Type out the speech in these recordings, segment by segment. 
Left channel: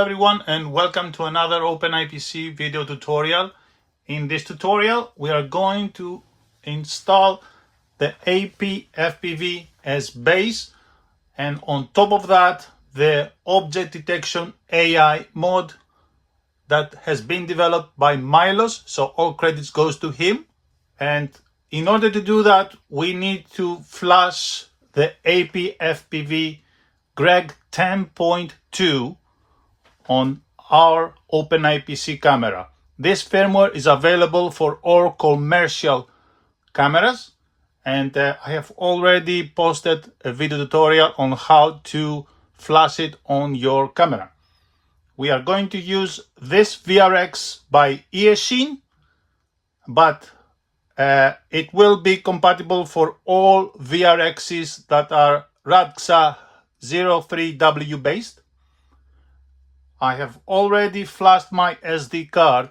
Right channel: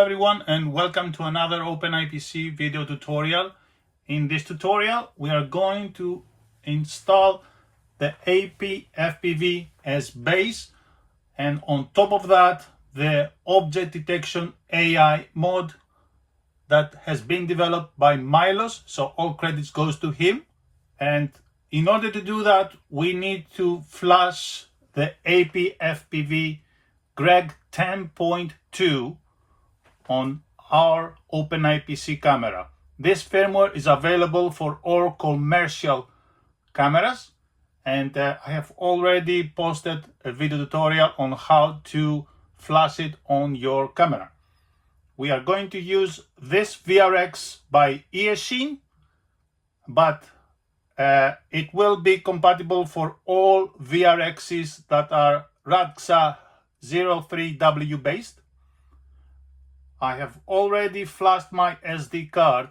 Hello everyone and welcome to another OpenIPC video tutorial. In this tutorial we are going to install the APFPV as base, and on top of that the Object Detection AI mod that has been developed by Milos, so all credits goes to him. And in order to do that we need to flash the APFPV Greg10.2 on our OpenIPC camera. This firmware is available for all commercial cameras, and I have already posted a video tutorial on how to flash it on your camera. We are going to use this VRX by Eachine, but it will be compatible for all VRXs that are RADXA 03W based. I have already flashed my SD card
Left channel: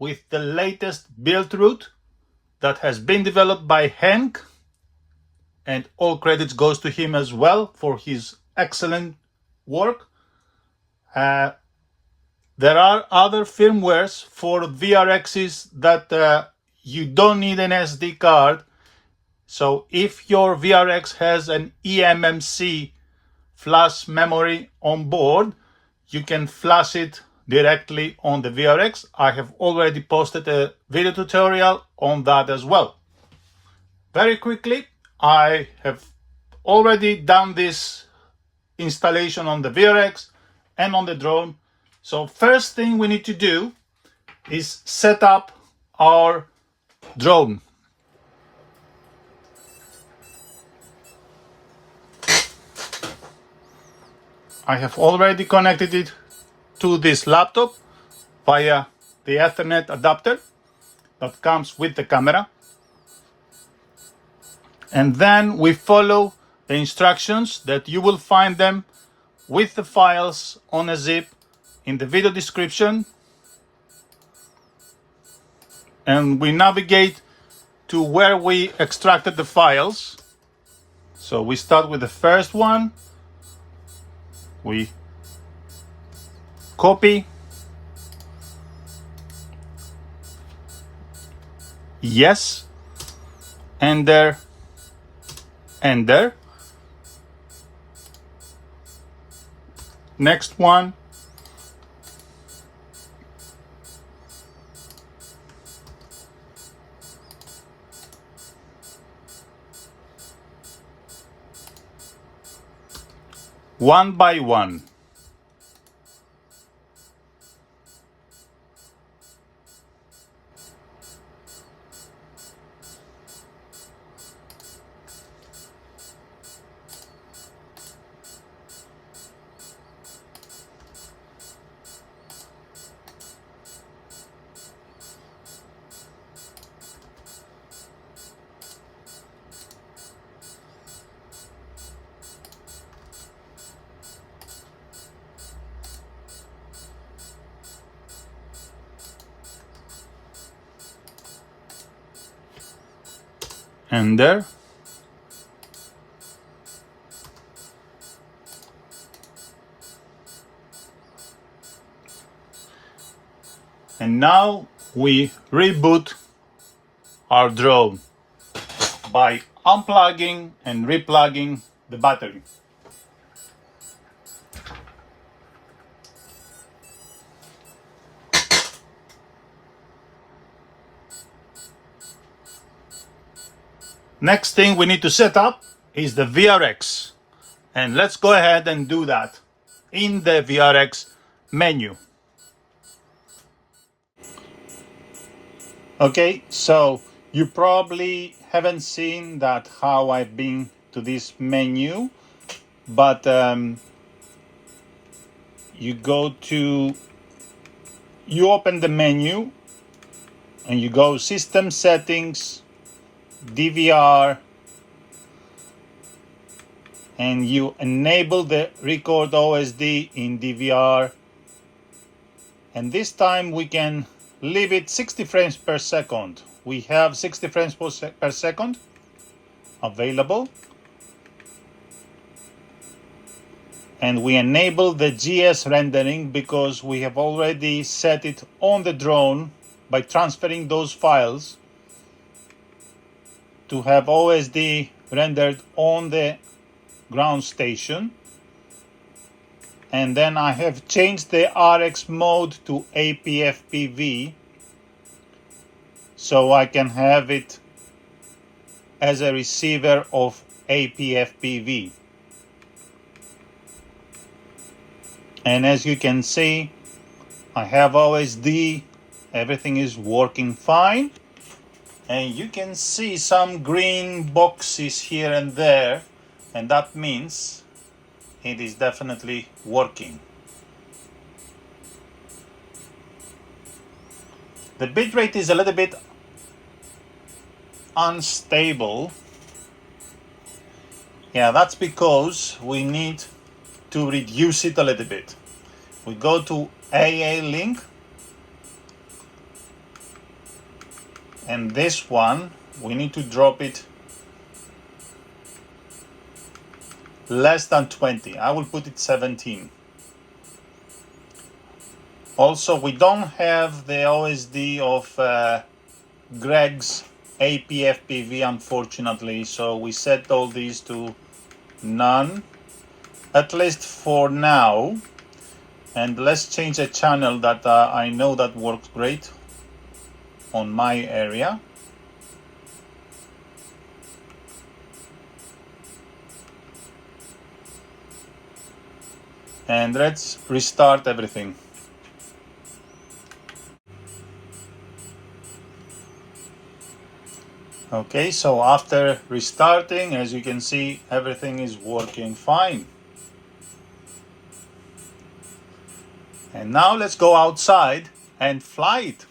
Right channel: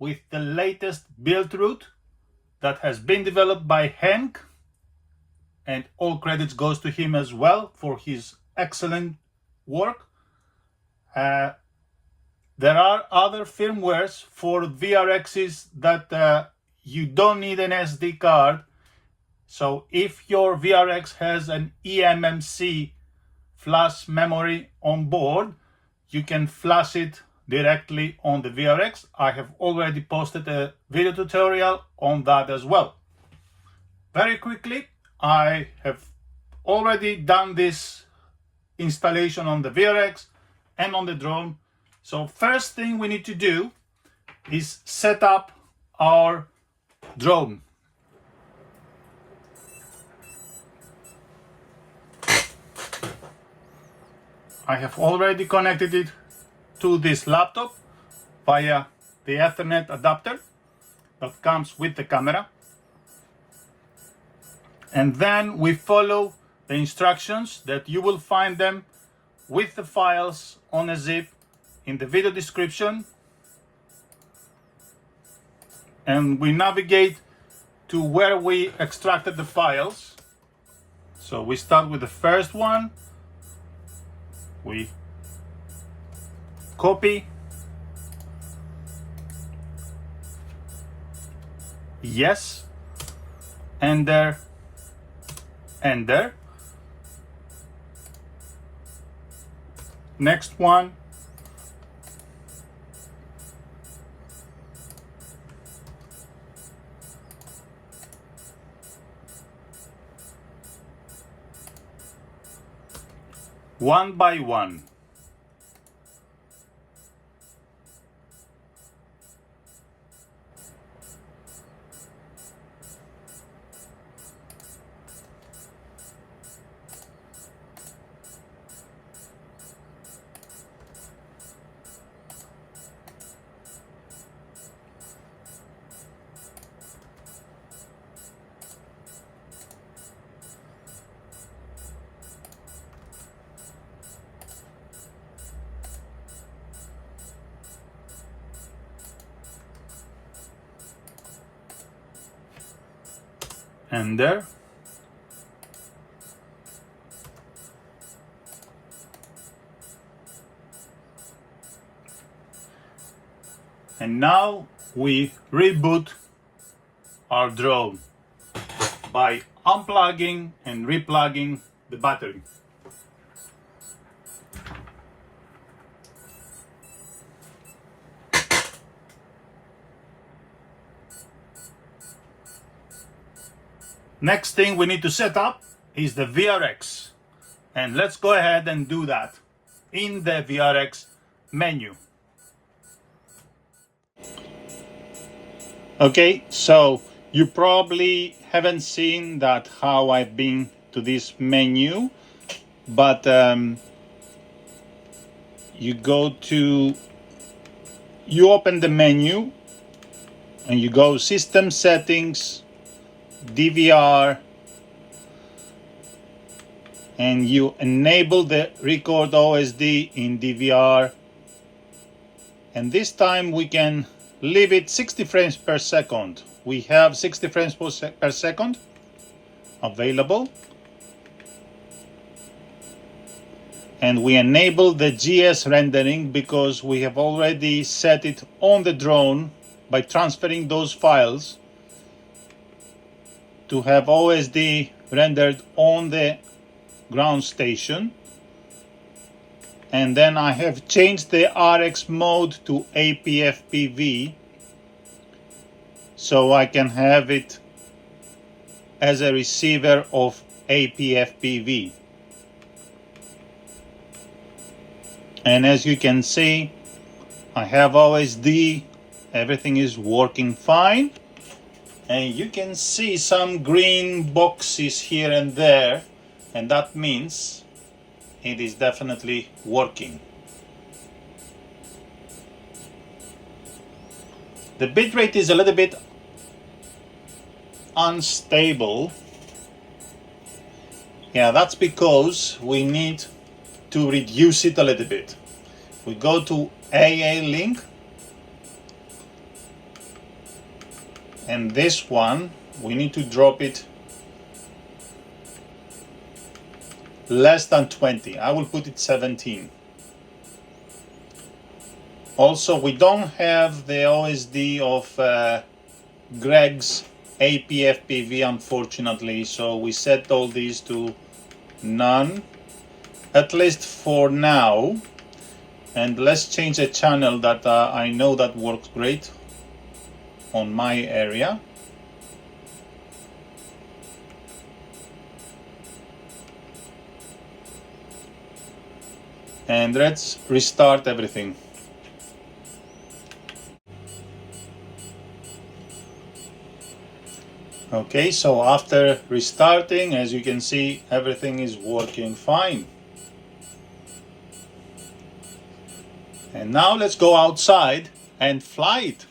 with the latest build route that has been developed by Henk, and all credits goes to him as well for his excellent work. There are other firmwares for VRXs that you don't need an SD card. So if your VRX has an eMMC flash memory on board, you can flash it directly on the VRX. I have already posted a video tutorial on that as well. Very quickly, I have already done this installation on the VRX and on the drone. So first thing we need to do is set up our drone. I have already connected it to this laptop via the Ethernet adapter that comes with the camera. And then we follow the instructions that you will find them with the files on a zip in the video description. And we navigate to where we extracted the files. So we start with the first one. We copy, yes, enter, enter. Next one, one by one. Enter. And now we reboot our drone by unplugging and replugging the battery. Next thing we need to set up is the VRX, and let's go ahead and do that in the VRX menu. Okay, so you probably haven't seen that how I've been to this menu, but you open the menu and you go System Settings, DVR, and you enable the Record OSD in DVR, and this time we can leave it 60 frames per second. We have 60 frames per second available. and we enable the GS rendering because we have already set it on the drone by transferring those files to have OSD rendered on the ground station. And then I have changed the RX mode to APFPV so I can have it as a receiver of APFPV. And as you can see, I have OSD, everything is working fine. And you can see some green boxes here and there, and that means it is definitely working. The bitrate is a little bit unstable. Yeah, that's because we need to reduce it a little bit. We go to AA link, and this one we need to drop it less than 20. I will put it 17. Also, we don't have the OSD of Greg's APFPV, unfortunately, so we set all these to none, at least for now. And let's change a channel that I know that works great on my area. And let's restart everything. Okay, so after restarting, as you can see, everything is working fine. And now let's go outside and fly it.